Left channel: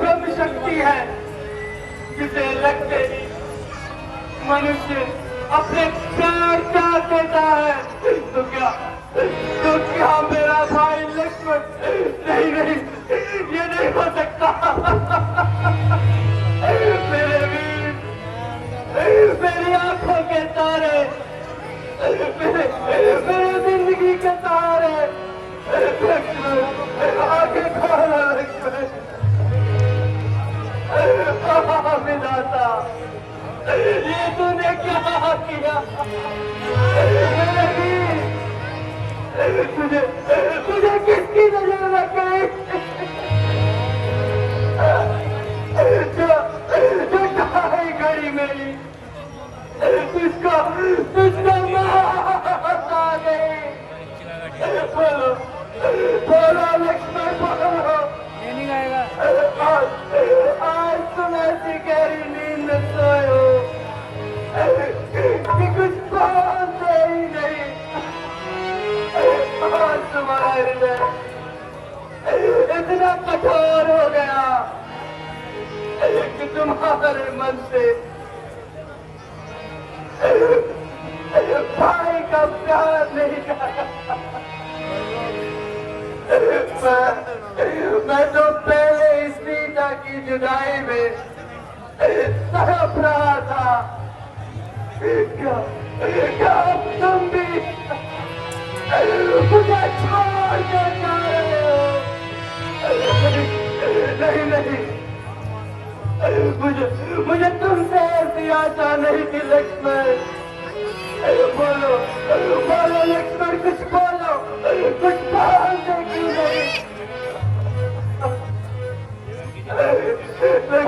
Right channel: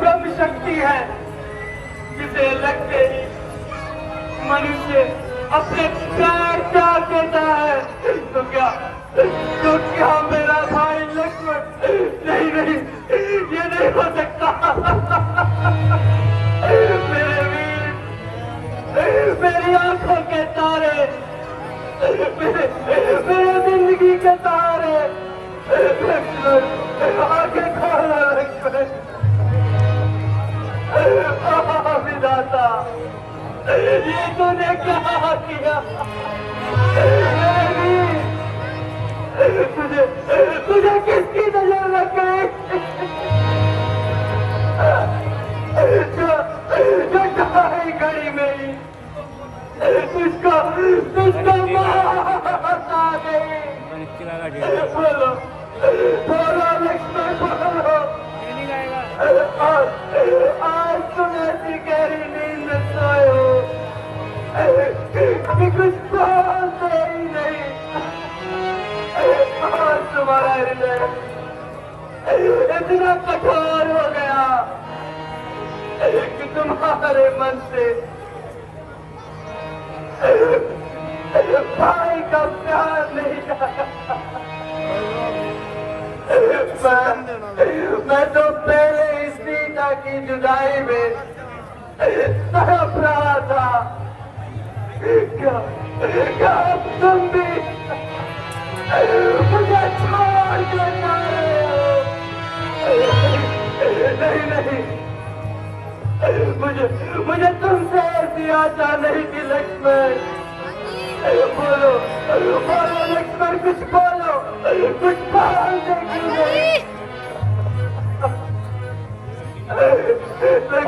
ब्रह्म शक्ति है जिसे लगते ही मनुष्य अपने प्राण त्याग देता है। तो क्या मेरा भाई लक्ष्मण? नहीं नहीं, ये नहीं हो सकता। मेरे वीर, मेरी आंखों के तारे, मेरे जिंदगी के तारे, लक्ष्मण आगे खोला लक्ष्मण। विधाता, ये तूने क्या किया? तुझे किसकी नजर लग गई? जो ढाई घड़ी में तुझको मौत आ गई। बोलो बोलो लक्ष्मण, बोलो। आज तुम ऐसी गहरी नींद में सोए हो कि कुछ बोलते ही नहीं। आज तुम्हारा हृदय इतना कठोर हो गया कि तुम्हारे मन से भाई का प्यार नहीं जाता। मैं तो पहले इस सीता की जुदाई में तड़प रहा था। क्या तुम भी मुझे छोड़ कर जा रहे हो? नहीं नहीं, मुझे तुमसे ऐसी आशा नहीं थी लक्ष्मण। बोलो बोलो लक्ष्मण, कुछ बोलो, कुछ बोलने की नहीं।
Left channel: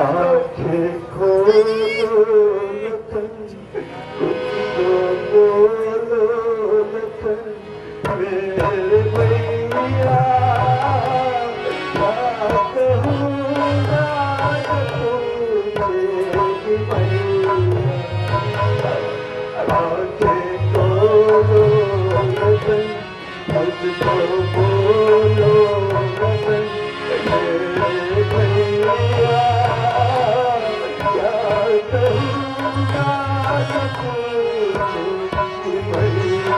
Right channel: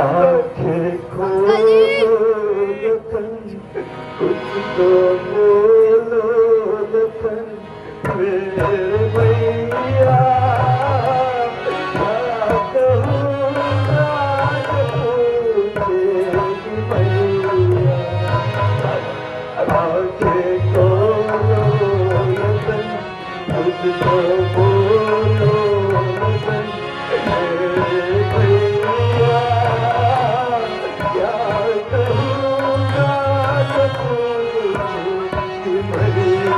आंखें खोलो कुछ बोलो मेरे भैया, बात कहूँगा तो पूछेगी भैया। आंखें खोलो कुछ तो बोलो मेरे भैया, क्या कहूँगा तो पूछेगी भैया।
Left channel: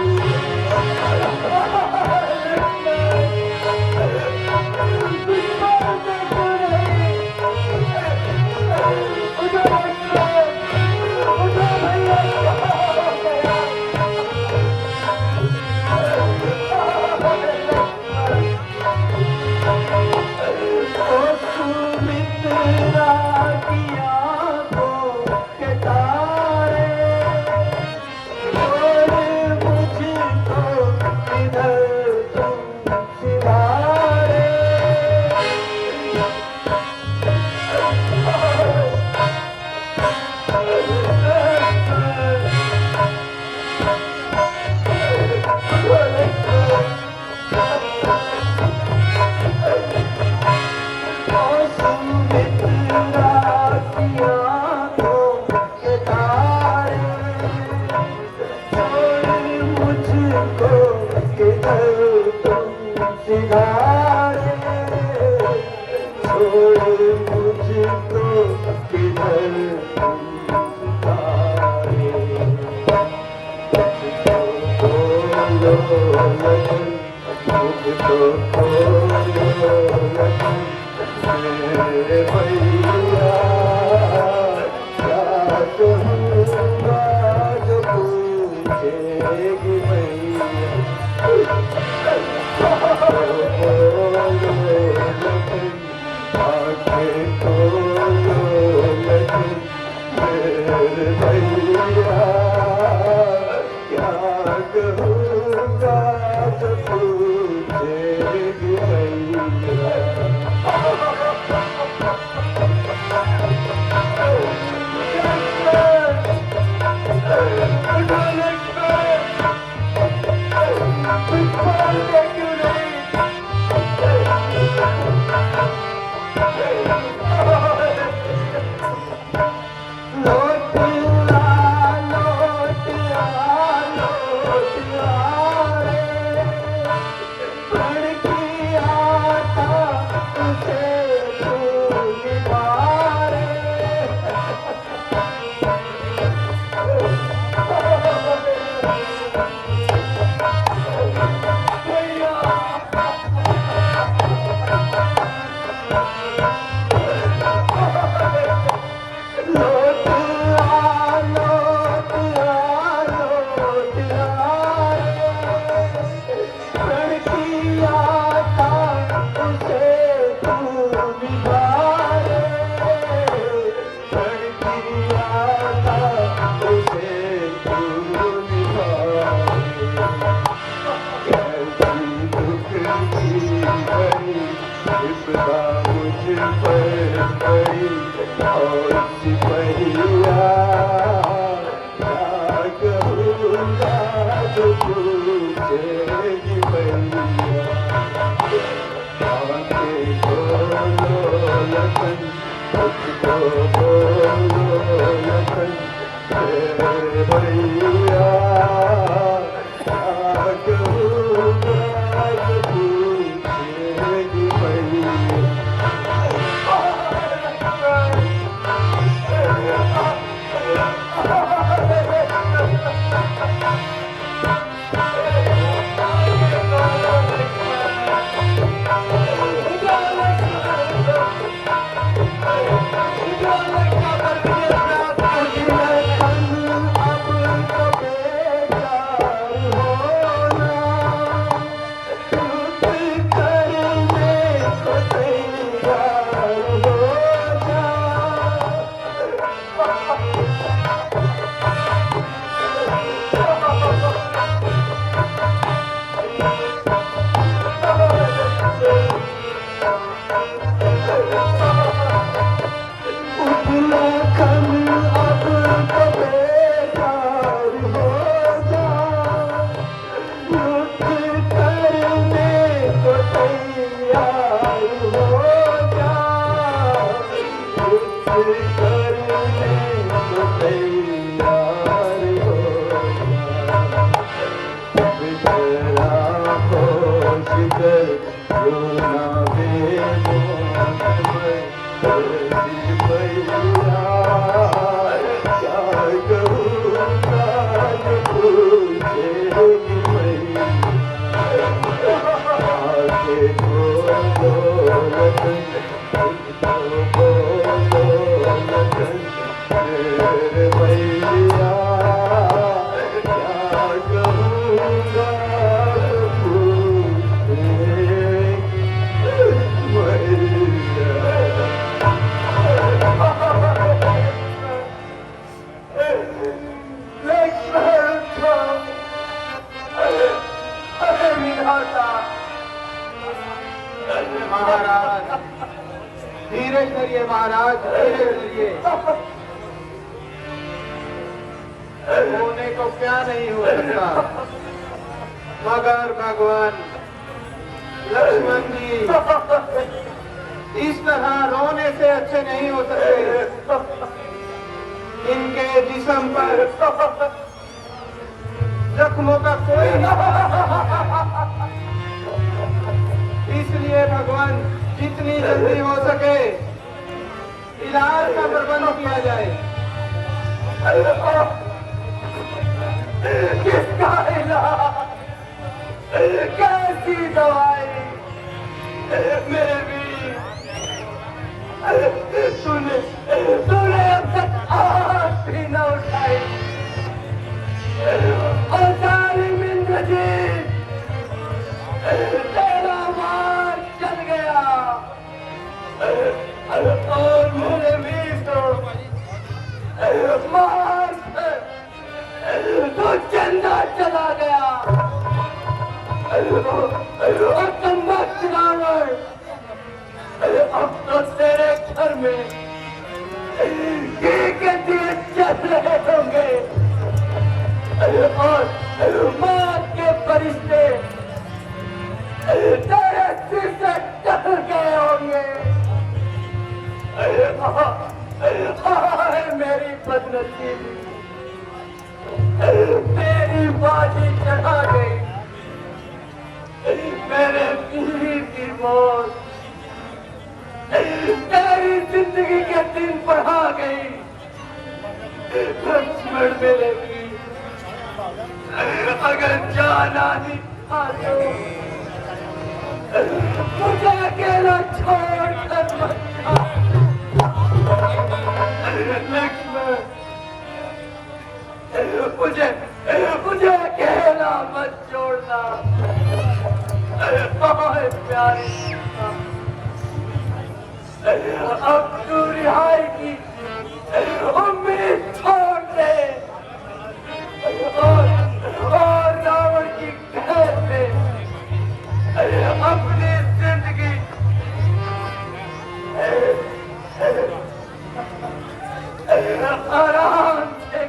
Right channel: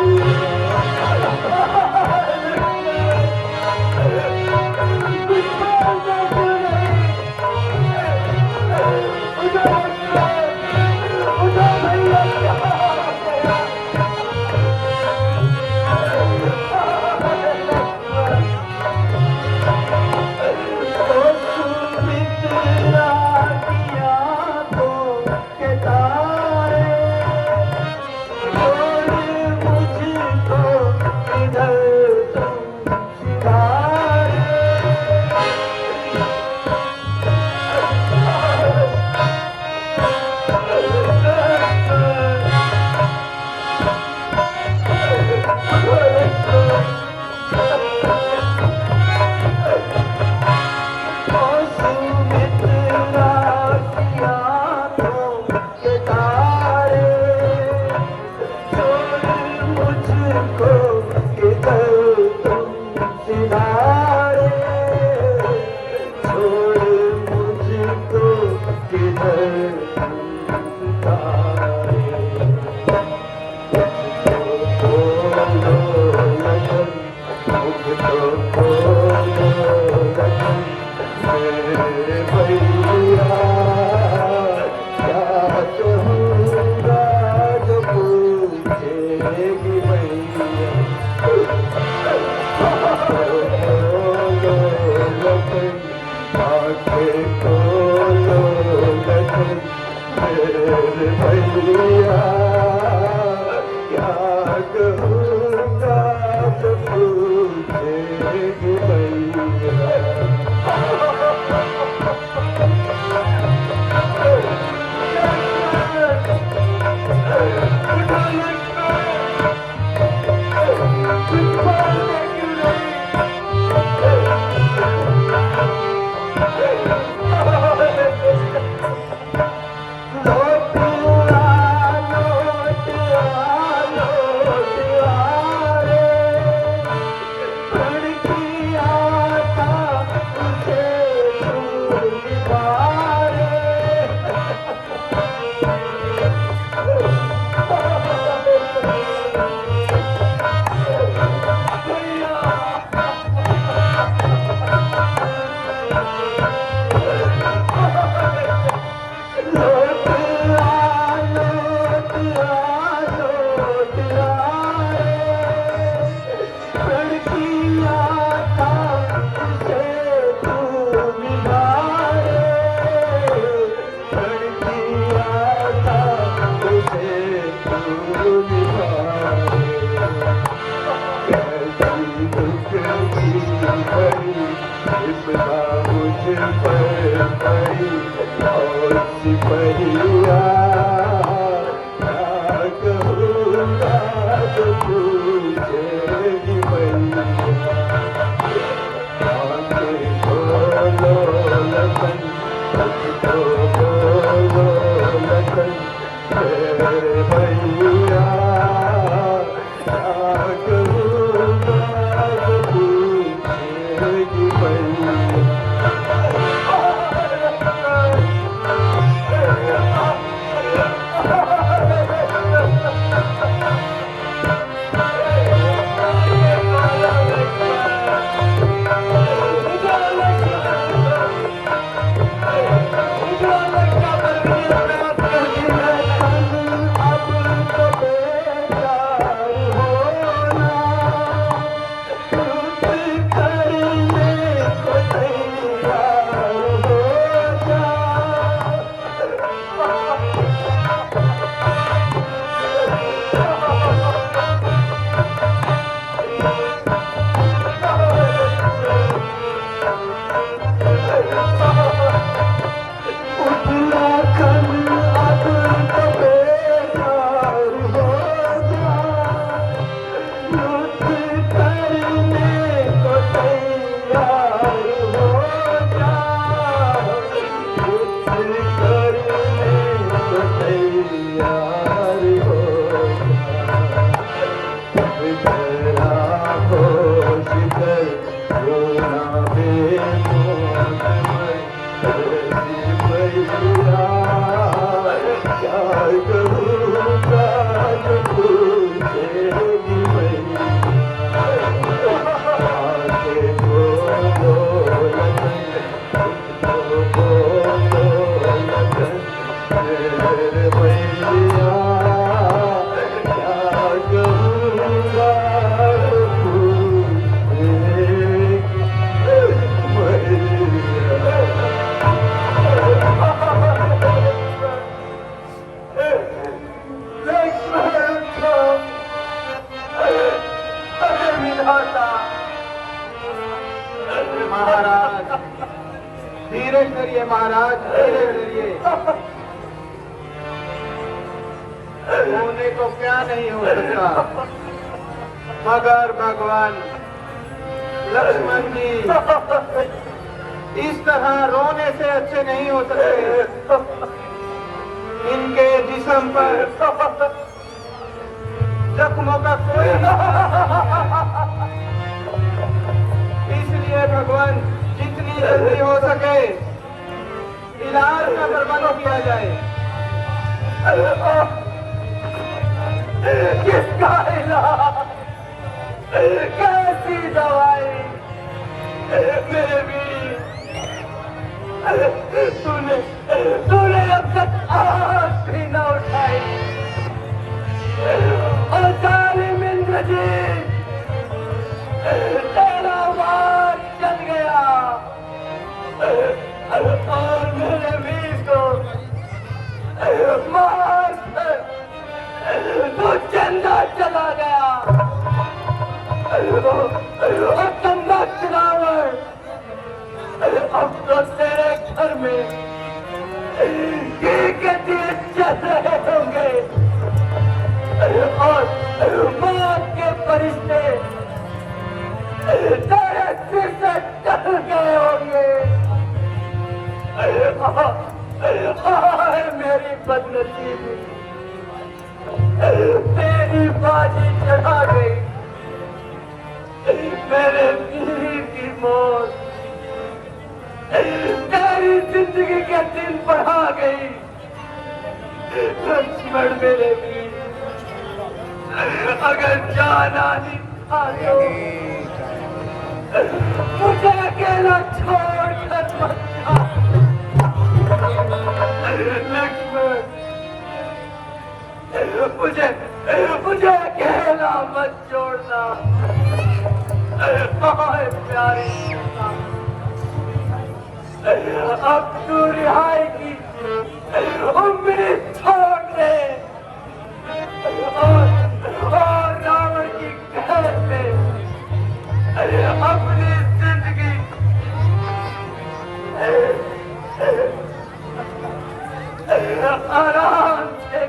मुझको बोलो लखन मेरे भैया क्या कहूँगा तुझसे भैया महाराज धीरे करिए, महाराज धीरे करिए। होने को क्या नहीं हो सकता, मगर भगवान लक्ष्मण जी इस तरह रोने से अच्छे नहीं हो सकते। इनके जिस्म पर जख्मों का कोई इसलिए भगवान जितनी जल्दी हो सके इलाज का प्रबंध किया जाए। किसका इलाज, कैसी दवाई मेरे वीर, तूने अब तक आँख भी न उठाई और सारी जिंदगी तेरा मार चल गया और मेरे वीर को मार तू चंदा चला गया और तम्बाकू रावण अब तो तेरे घर में के दिए चल रहे होंगे और मौत के फरिश्ते तेरे सिर से टक गए होंगे। मेरी बदनसीबी, तेरी बाजी चढ़ा गई, मेरे बीवी की मौत तेरी जिंदगी के दिन बढ़ा गई। लक्ष्मण मेरे भी अगर जान आनी था तो मुझे अकेला छोड़ कर लक्ष्मण, मुझे अकेला मत छोड़ना। प्यारे अब तू रिहाई की उम्मीद छोड़ दे और रावण की कैद में अपनी जिंदगी आराम से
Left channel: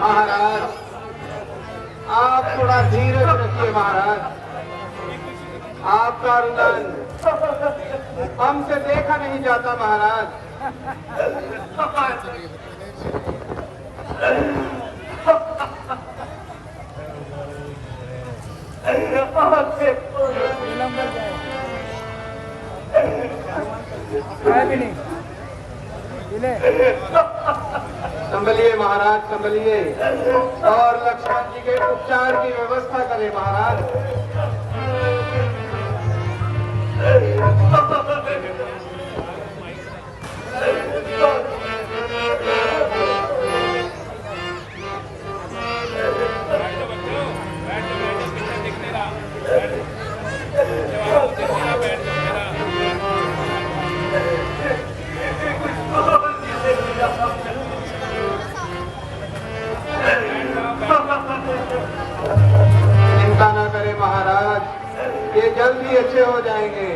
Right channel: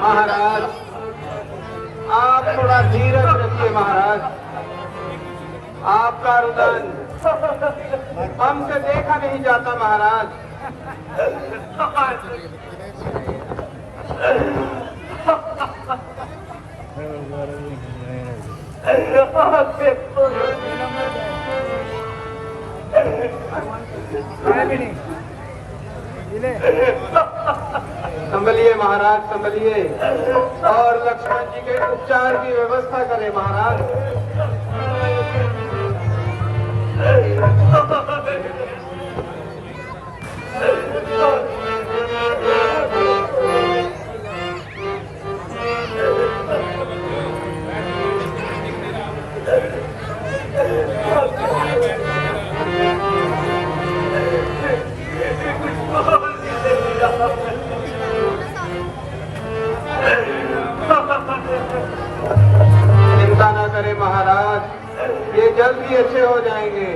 महाराज आप थोड़ा धीरज रखिए महाराज। आपका रुदन हमसे देखा नहीं जाता महाराज। संभलिए महाराज संभलिए, और लक्ष्मण जी के उपचार की व्यवस्था करें महाराज। चिंता न करें महाराज, ये जल्दी अच्छे हो जाएंगे।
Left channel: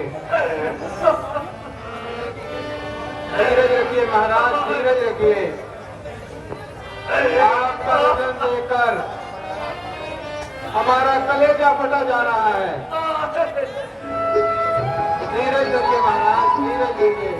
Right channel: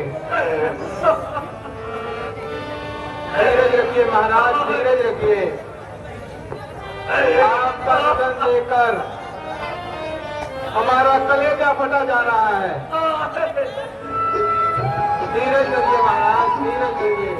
धीरज रखिए महाराज, धीरज रखिए। आपका वजन देखकर हमारा कलेजा फटा जा रहा है। धीरज रखिए महाराज, धीरज रखिए।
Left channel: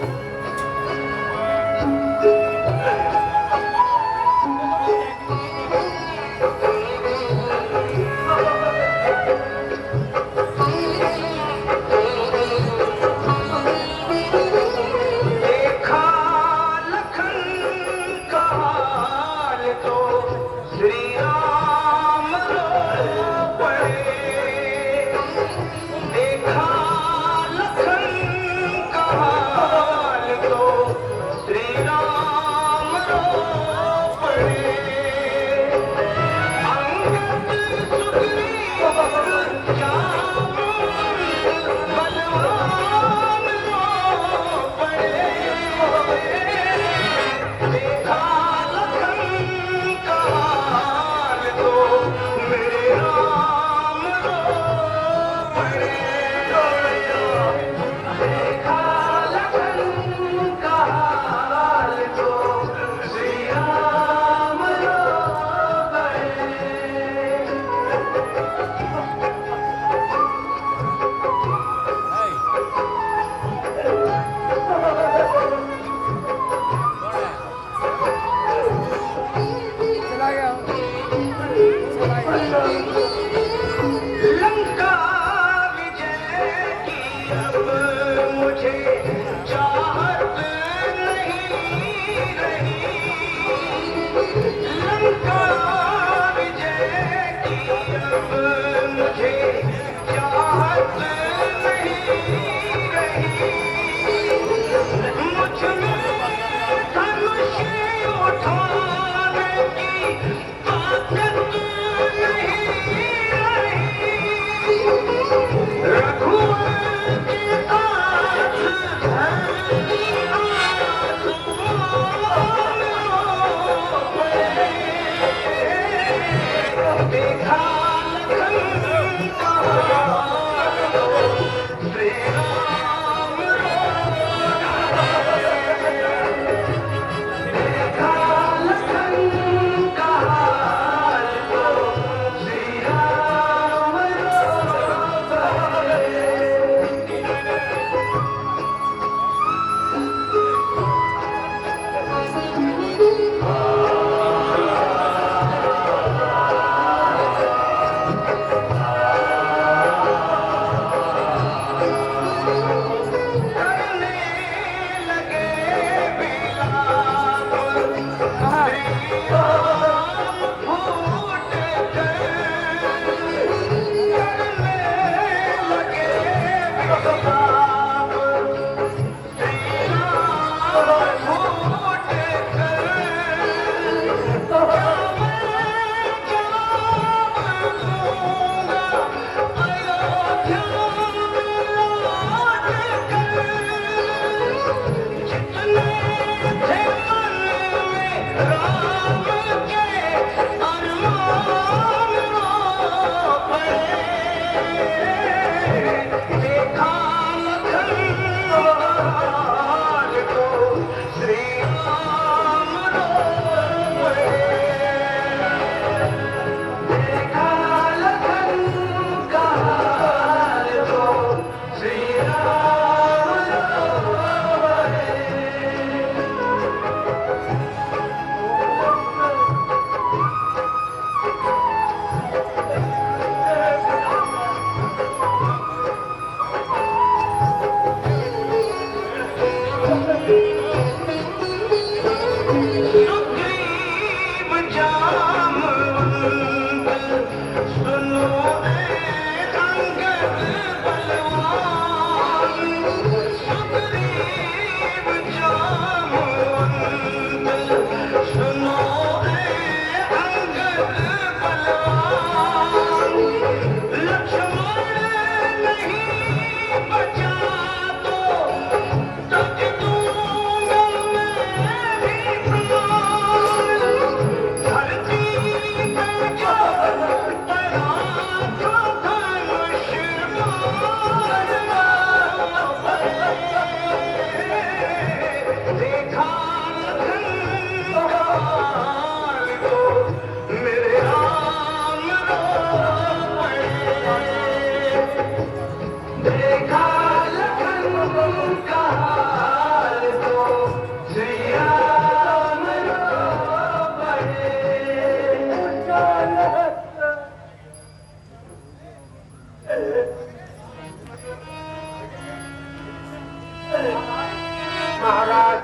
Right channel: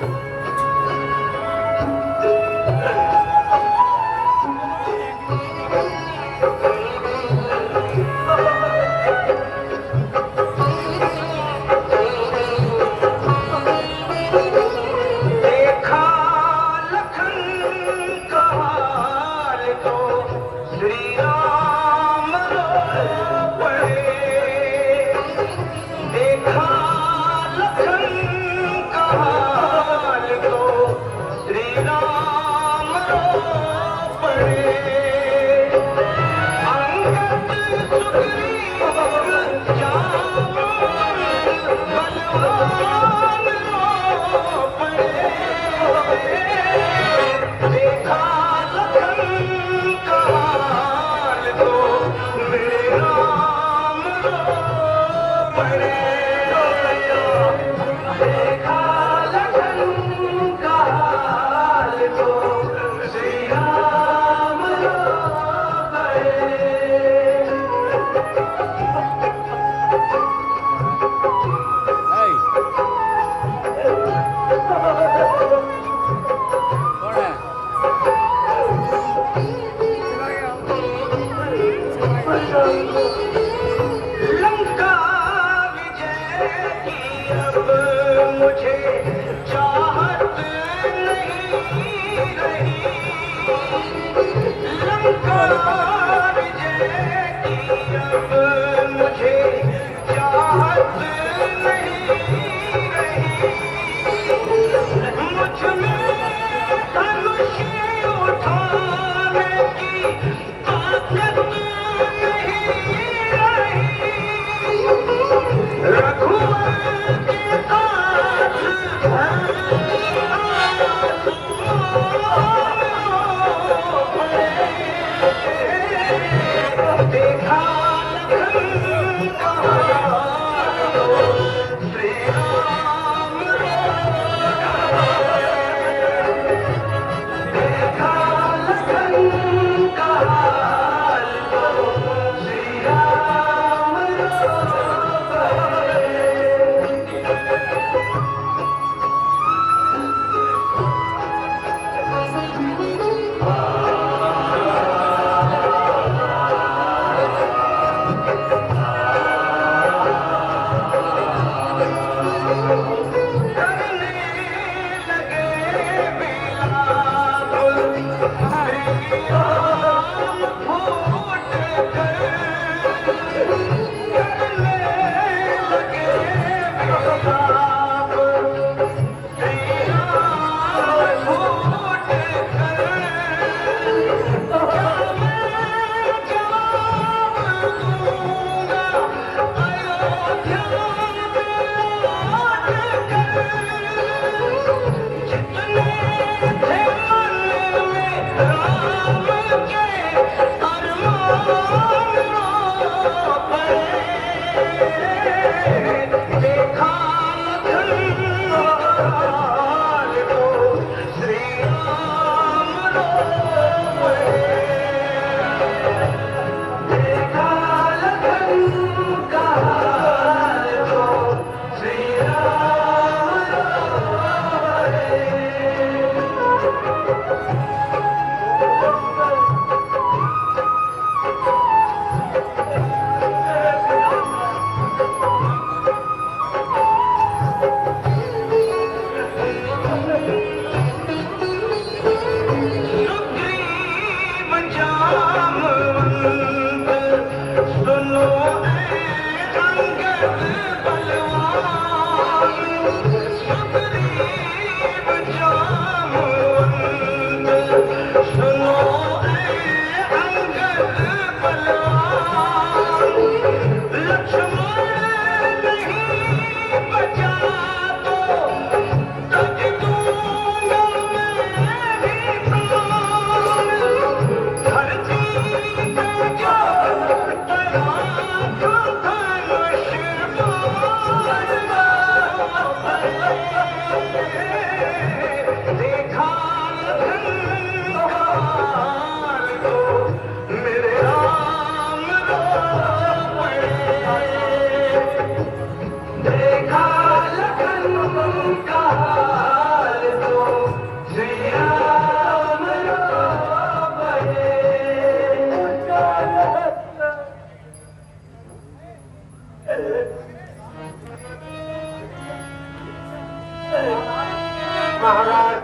महाराज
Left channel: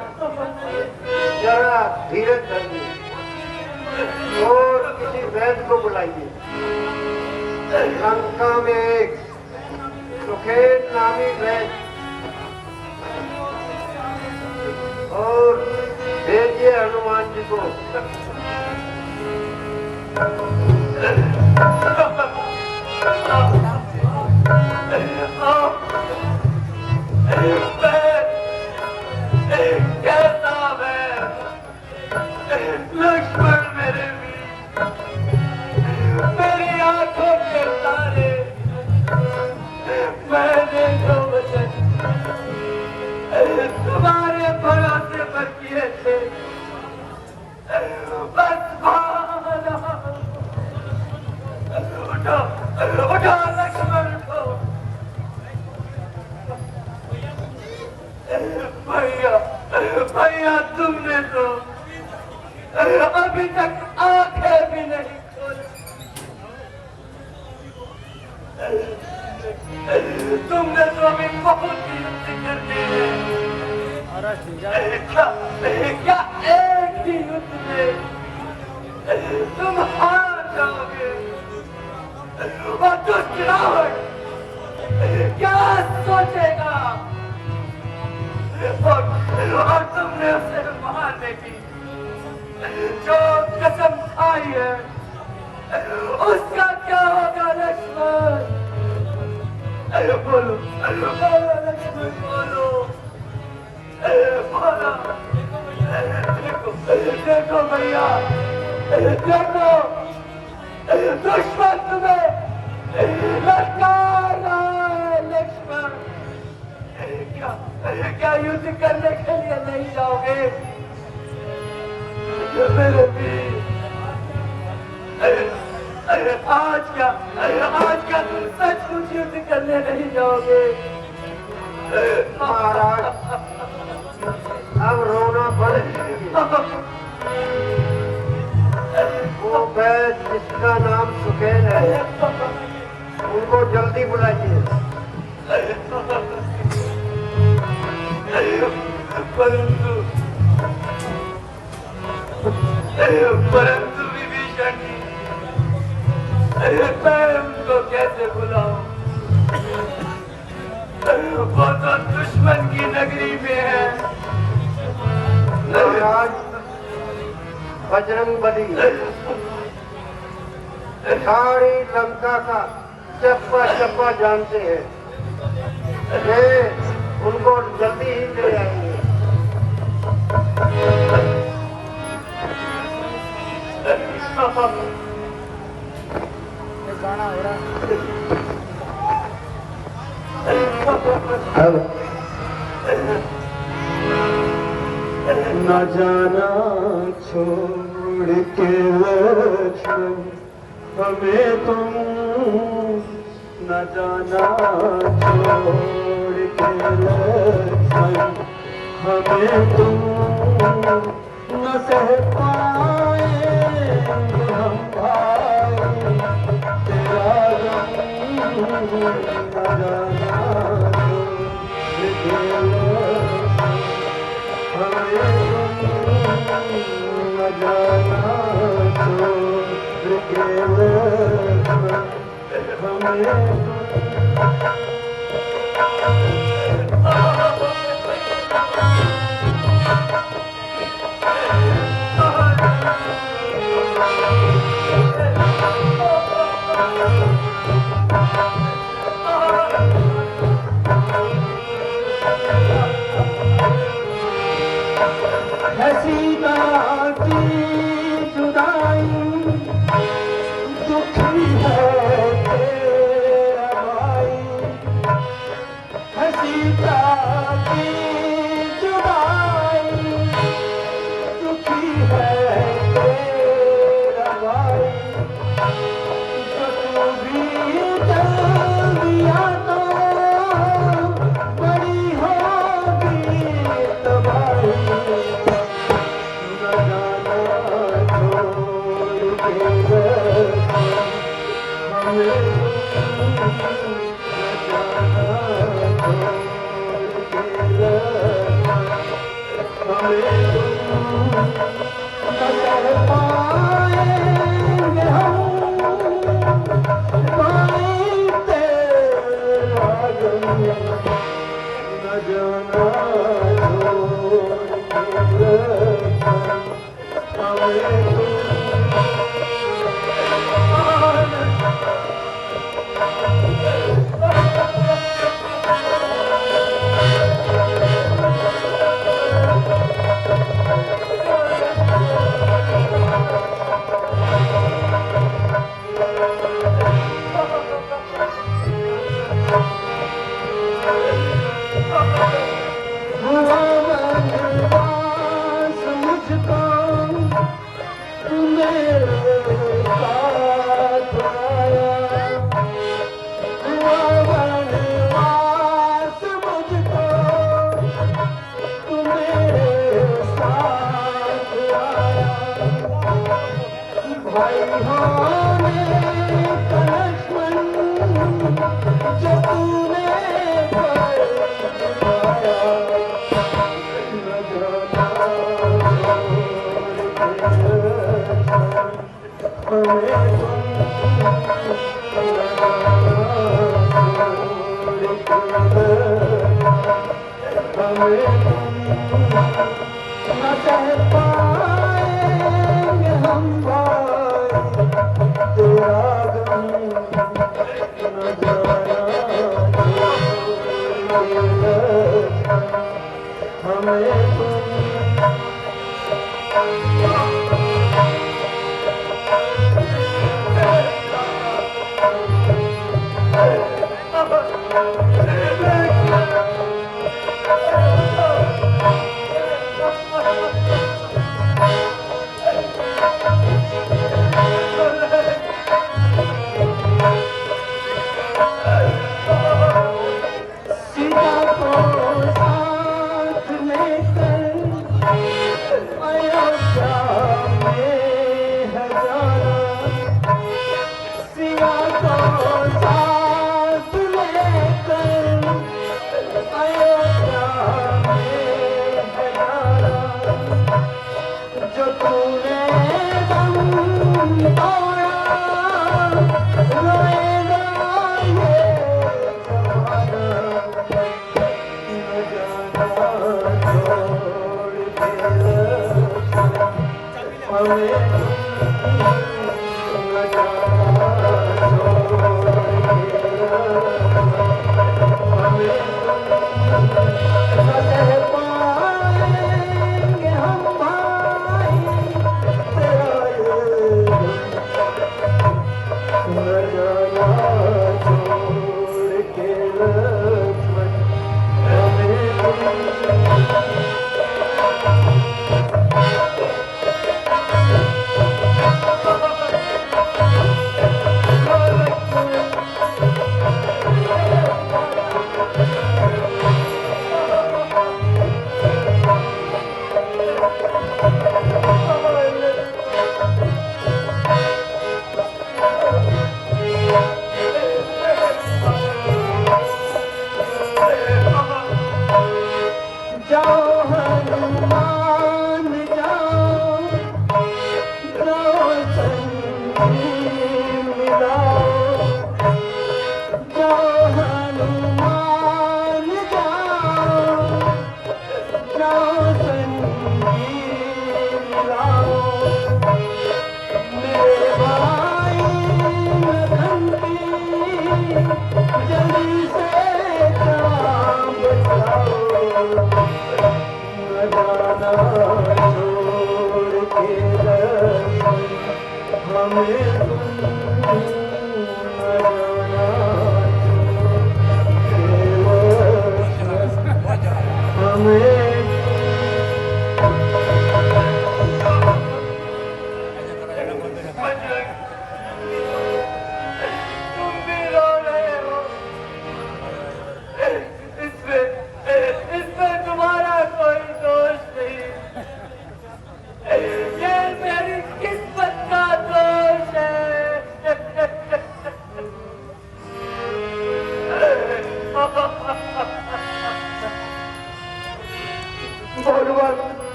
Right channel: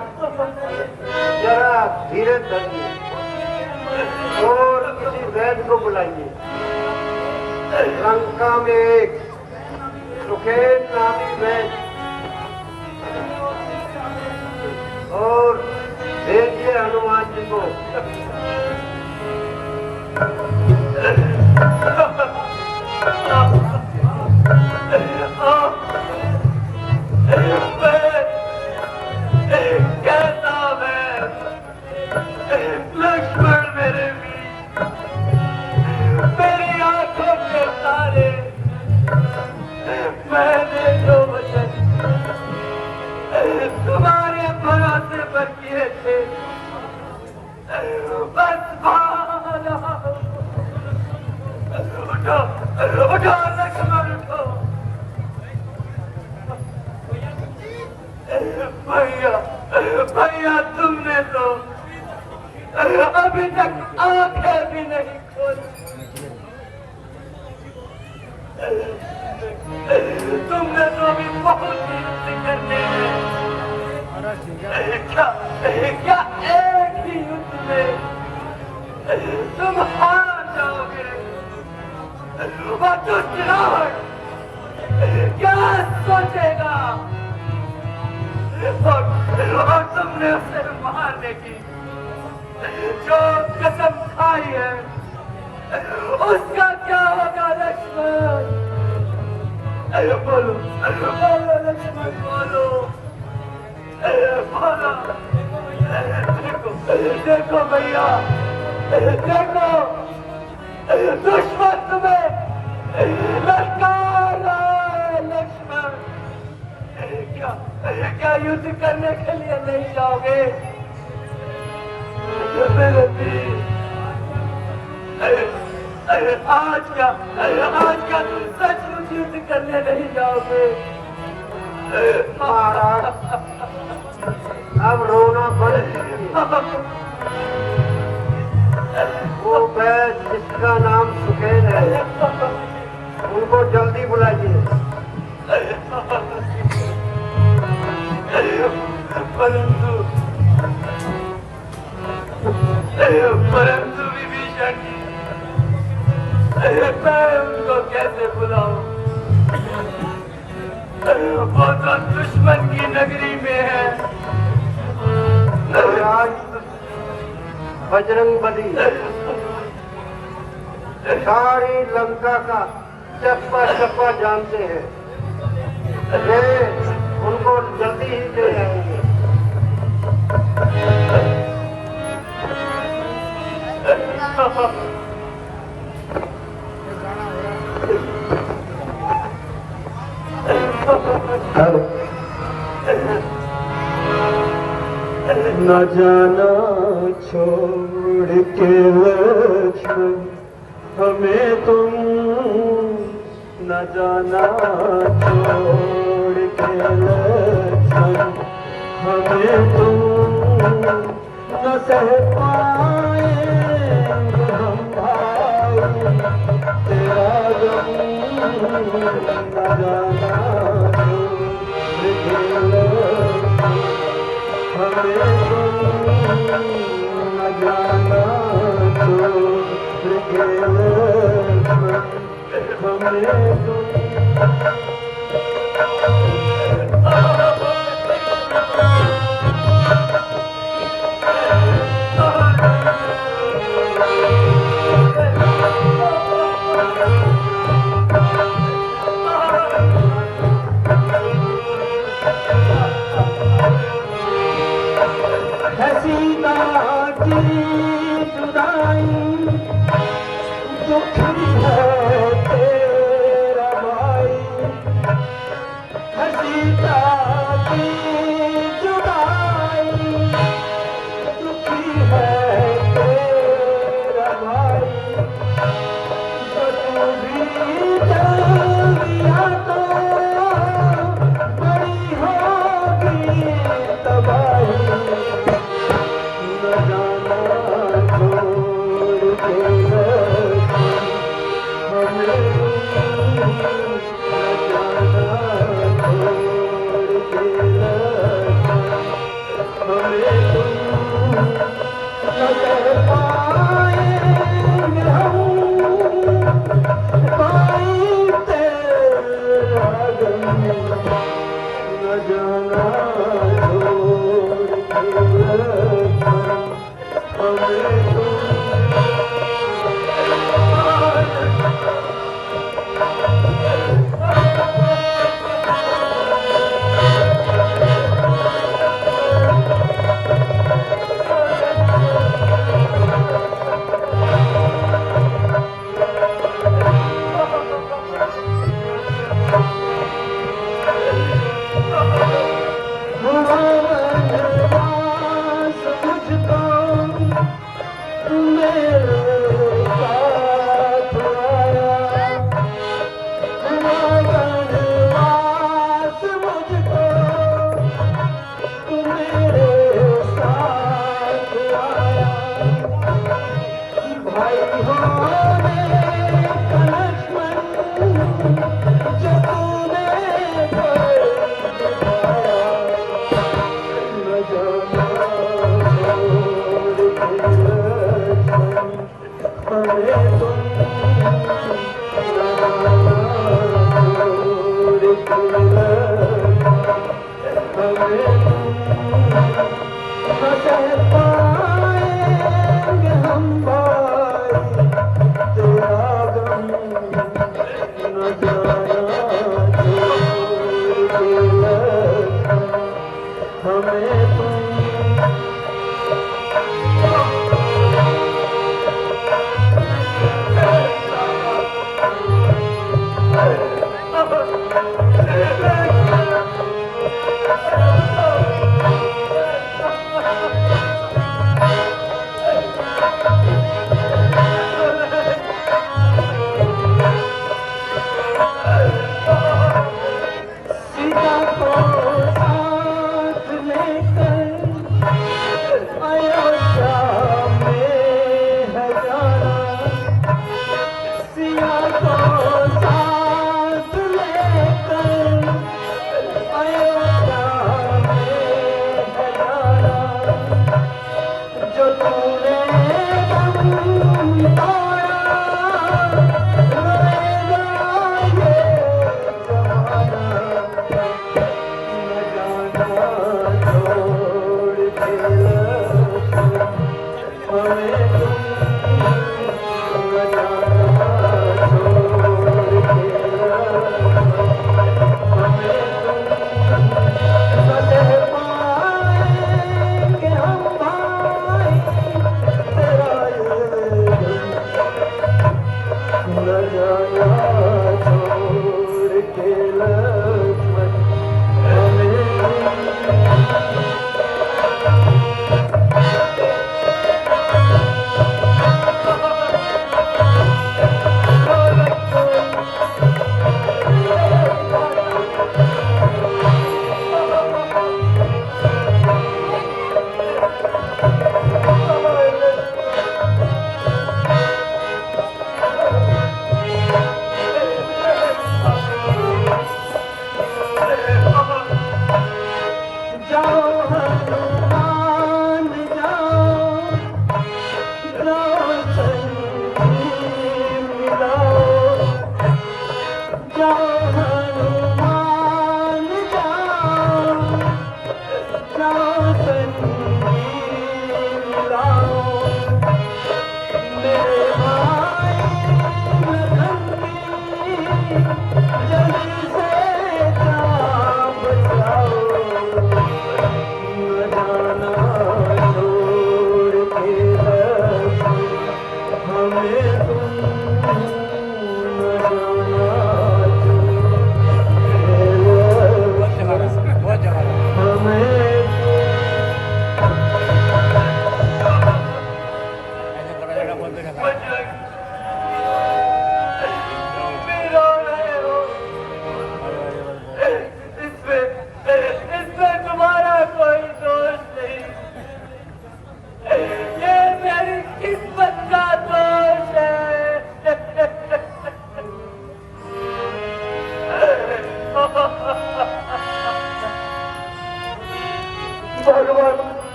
जरा धीरज धरिए और किसी वैद्य को बुलाइए। लंका में एक सुखेन नामी वैद्य और भेजिए हनुमान जी को। भैया तुमने तो अभी तक आंखें भी नहीं खोली। तुमने तो अभी बहुत ही करने क्या एक ही युद्ध में तुम हार जाओगे। वह दुष्ट रावण क्या सोचेगा और तुमने उसे मारने की जो कसम खाई है उसका क्या होगा लक्ष्मण? बोलो बोलो लक्ष्मण बोलो बोलो। देखो भैया देखो दुश्मन तुम्हें लड़का लक्ष्मण। क्या युद्ध करने के लिए नहीं जाओगे? आज का तुम सचमुच युद्ध करने नहीं जाओगे। महाराज अब रोना बंद कीजिए। वो वैद्य जिसका नाम सुखेन है उनको जल्दी बुलाइए। परंतु विभीषण मैं उनको कैसे बुलाऊं? वो तो दुश्मन की नगरी में है। महाराज बजरंग बली सारी लंका का चप्पा चप्पा जानते हैं। वे उनको जल्दी ही ले आएंगे। न जाना छोड़ के लक्ष्मण हमें तुम, न जाना छोड़ के लक्ष्मण हमें तुम, न सह पाएंगे हम भाई तेरा गम। न जाना छोड़ के लक्ष्मण हमें न जाना छोड़ के लक्ष्मण हमें।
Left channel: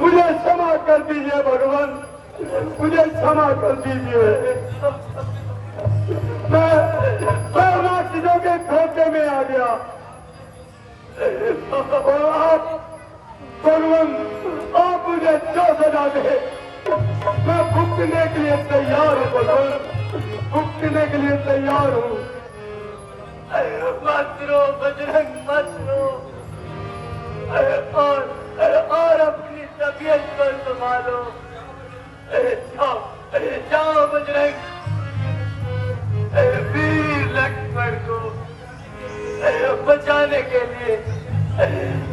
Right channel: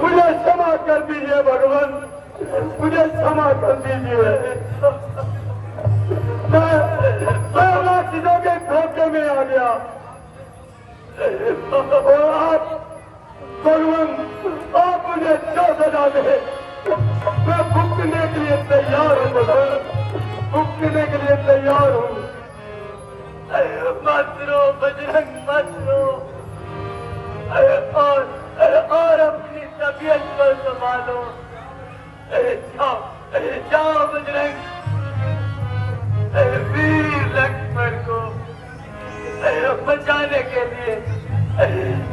मुझे क्षमा कर दीजिए भगवान, मुझे क्षमा कर दीजिए। मैं चीजों के धोखे में आ गया और आप भगवान आप मुझे क्या सजा दे। मैं भुगतने के लिए तैयार हूँ भगवान, भुगतने के लिए तैयार हूँ। मत रो बजरंग, मत रो और अपनी तबीयत को संभालो। जाओ बजरंग, वीर लक्ष्मण को बचाने के लिए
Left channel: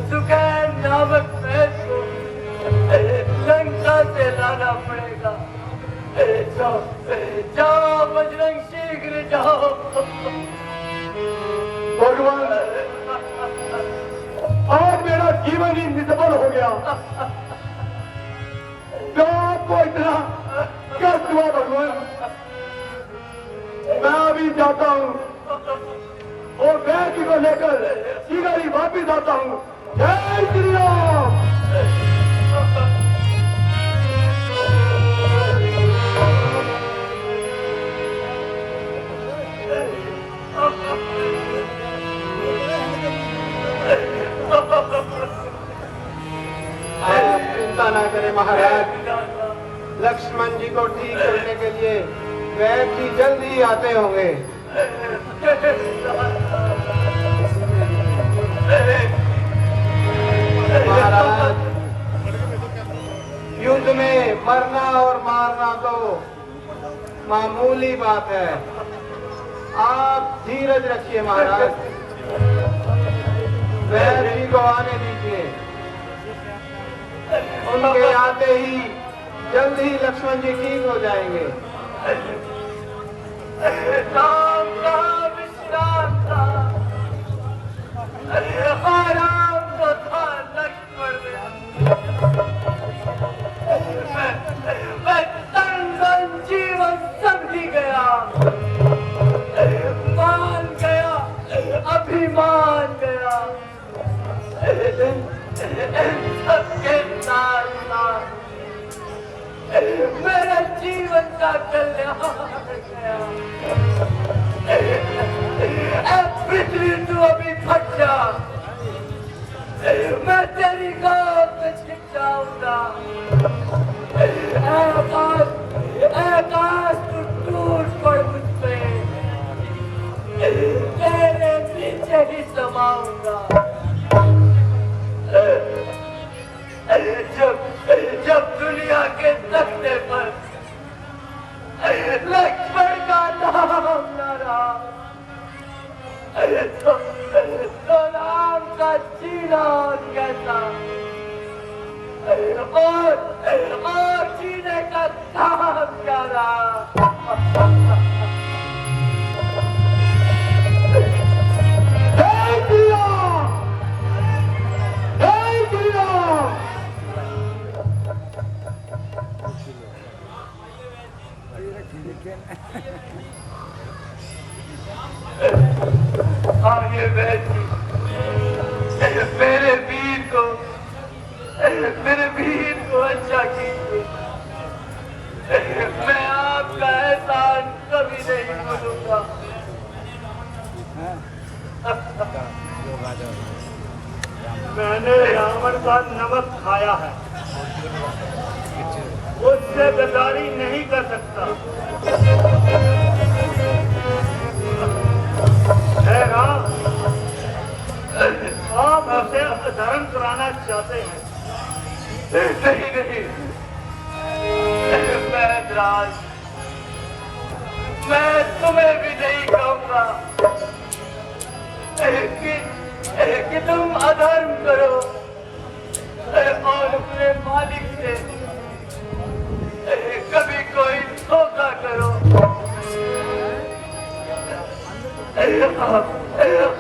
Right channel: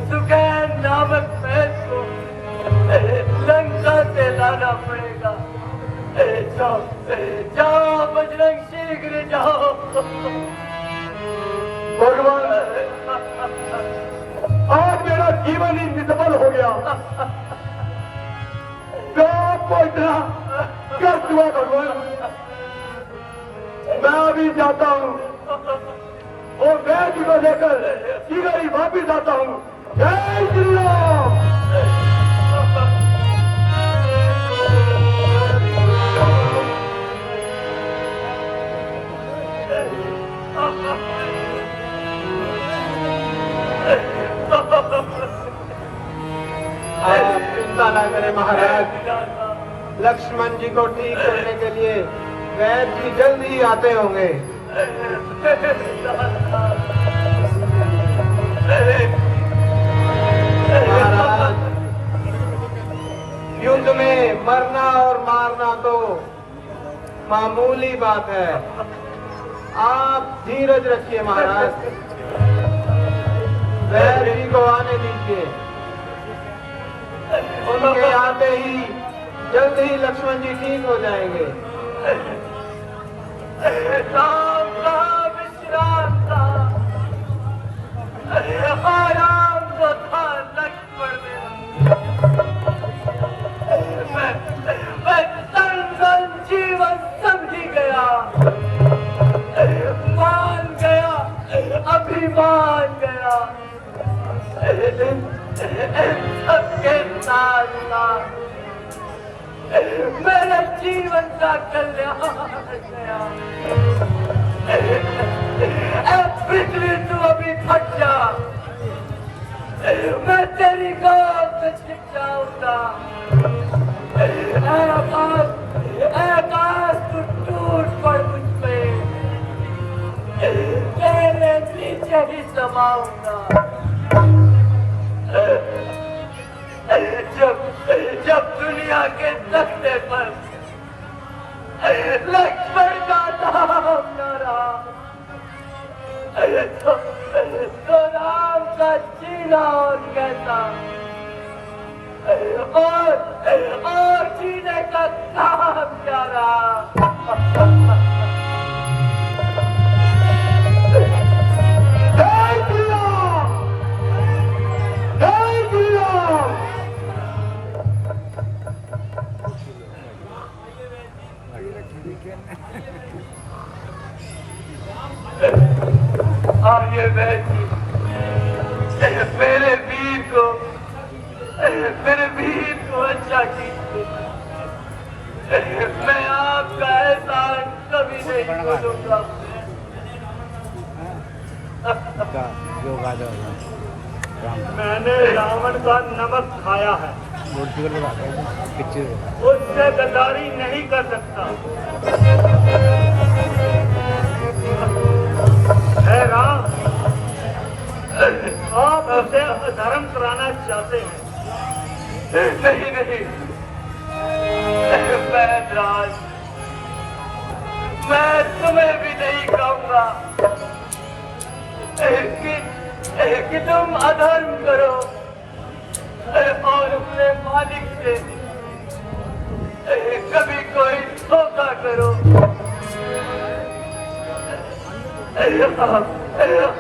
सुकैन नामक भैंस को लंका से लाना पड़ेगा। जाओ जाओ बजरंग, शीघ्र जाओ। भगवान आज मेरा जीवन ही निष्फल हो गया। मैं आपको इतना क्या हुआ भगवान? मैं अभी जाता हूँ और बैग को लेकर सीधा ही वापिस आता हूँ। जय श्री राम। आप चिंता न करें महाराज, लक्ष्मण जी को ठीक करने के लिए वैद्य जी जल्द ही आते होंगे। महाराज, युद्ध में मरना और मारना तो मामूली बात है, आप धीरज रखिए महाराज। वैद्य जी को आने दीजिए, उनके आते ही जल्द ही लक्ष्मण जी ठीक हो जाएंगे। राम का विश्राम था, आराम तो था लक्ष्मण। मैं तन मन जीवन समझी गया, मान गया, अभिमान गया। सबके साथ मेरे जीवन का कल्याण गया। पृथ्वी तू अभी थक जा, मैं तेरी गोद में छिप जाऊंगा। आकाश तू टूट पड़ मुझसे, तेरे पीछे ही समाऊंगा। जब दुनिया के तख्ते पर लक्ष्मण का नाम न रहा, तो राम का जीना कैसा और जीने का काम क्या रहा। जय श्री राम, जय श्री राम। आइए बैठिए, मेरे वीर को अच्छा कीजिए। मैं आपका एहसान कभी नहीं भूलूंगा। मैंने रावण का नमक खाया है, उससे गद्दारी नहीं कर सकता। है राम, आप उसे धर्म कराना चाहते हैं? नहीं नहीं, राज, मैं तुम्हें भी नहीं कहूंगा कि तुम अधर्म करो और अपने मालिक से कभी कोई धोखा करो।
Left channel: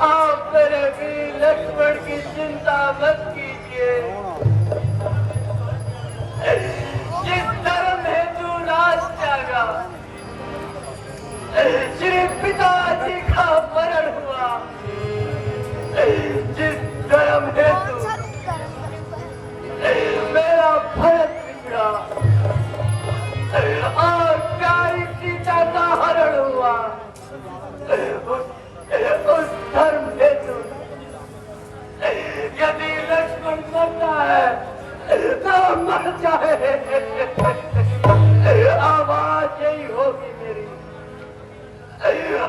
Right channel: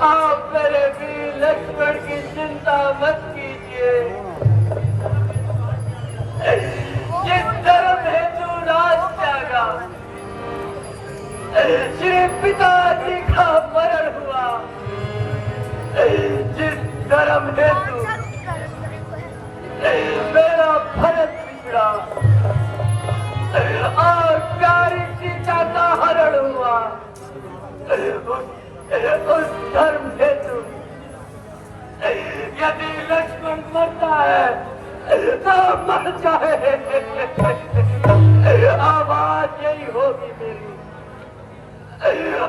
आप मेरे वीर लक्ष्मण की चिंता मत कीजिए। जिस धर्म हेतु राज त्यागा, श्री पिताजी का मरण हुआ, जिस धर्म हेतु मेरा भरत पिता और प्यारी सीता का हरण हुआ, उस धर्म हेतु यदि लक्ष्मण मरता है तो मर जाए, आवाज यही होगी मेरी,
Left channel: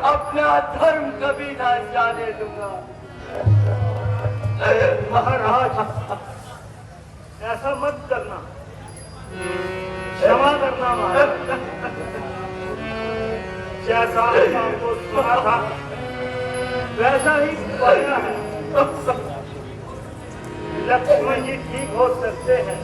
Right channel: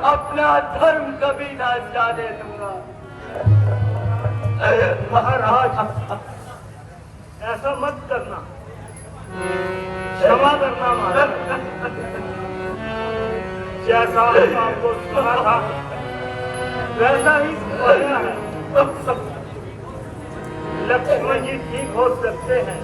अपना धर्म कभी ना जाने दूंगा। महाराज, ऐसा मत करना, क्षमा करना महाराज। जैसा आपको सुना था वैसा ही करना है। लक्ष्मण जी ठीक हो सकते हैं।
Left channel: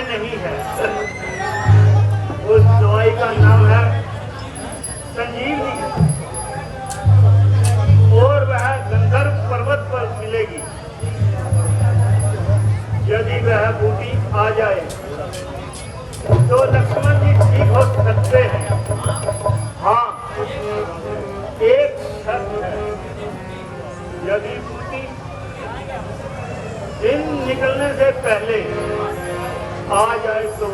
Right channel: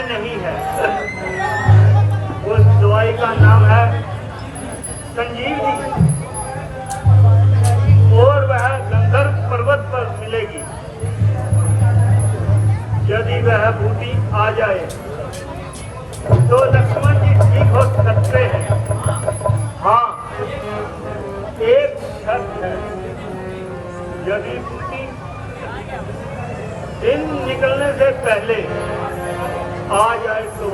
में नहीं है। उस दवाई का नाम है संजीवनी और वह गंधर्व पर्वत पर मिलेगी। यदि वह बूटी आ जाए तो लक्ष्मण जी ठीक हो सकते हैं। हाँ, एक शर्त है, यदि बूटी दिन निकलने से पहले आ जाए तो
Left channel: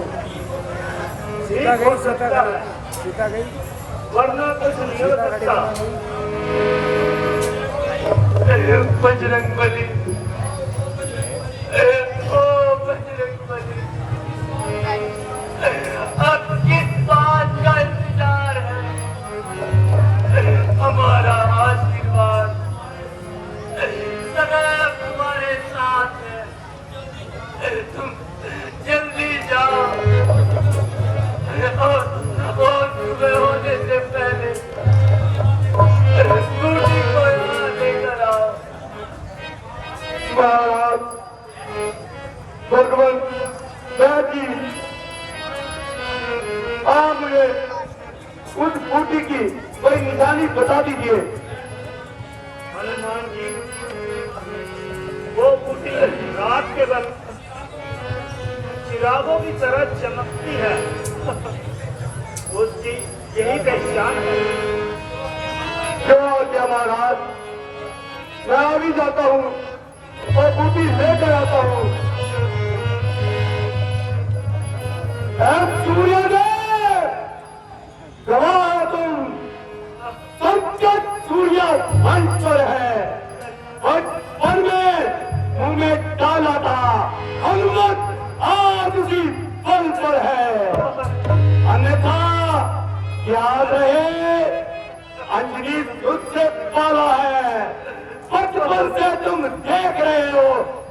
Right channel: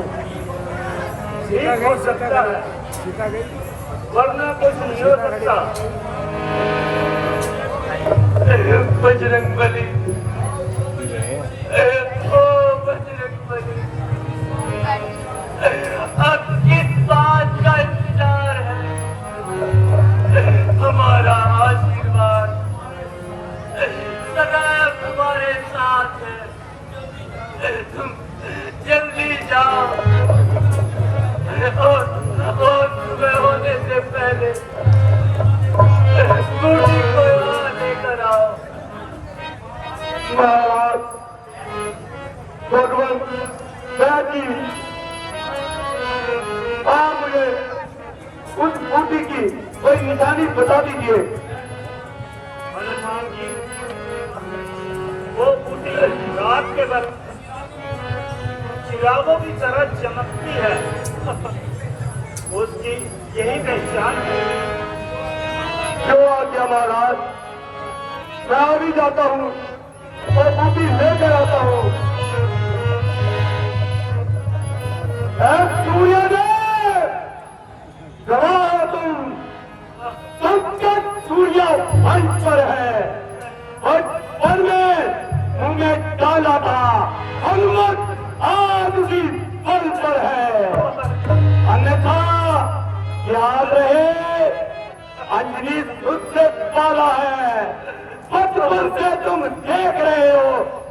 ठीक हो सकता है, वरना कुछ नहीं हो सकता। बजरंगबली, ओ बजरंगबली, अब किस बात का इंतजार है? हमारा आशीर्वाद सदैव तुम्हारे साथ है। तुम जल्दी जाओ और सुबह होने से पहले बूटी को यहाँ लेकर आओ। महाराज भगवान जी, आप मुझे उस बूटी की कोई निशानी बता दीजिए। हनुमान जी, वो बूटी रात के वक्त चिरागों की तरह चमकती है। उसकी यही पहचान है। जो आज्ञा महाराज, मैं अभी जाता हूँ और बूटी लेकर आता हूँ। सूर्योदय, गवाह तुम, संकट सूर्य मंच पर है और पर में मुंह में डाला था, हनुमत आज उसी पल पर है। अन्यथा याद रहे, अंजलि खुद से पाला है। बचपन से तुम देख रहे हो,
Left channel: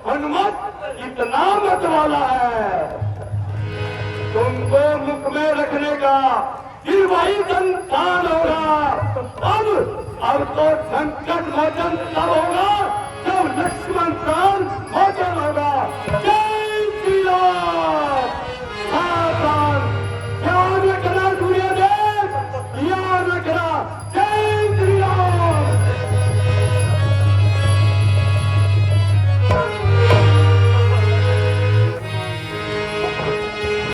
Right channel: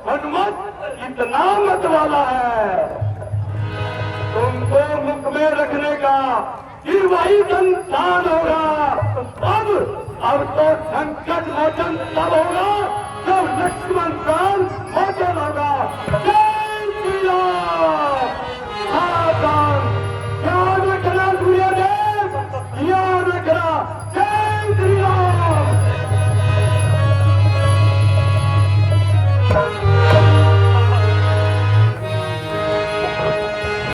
हनुमत इतना मत वाला है। तुमको मुख में रखने का फिर वही संतान होगा। अब तो संकट मोचन तब होगा जब लक्ष्मण का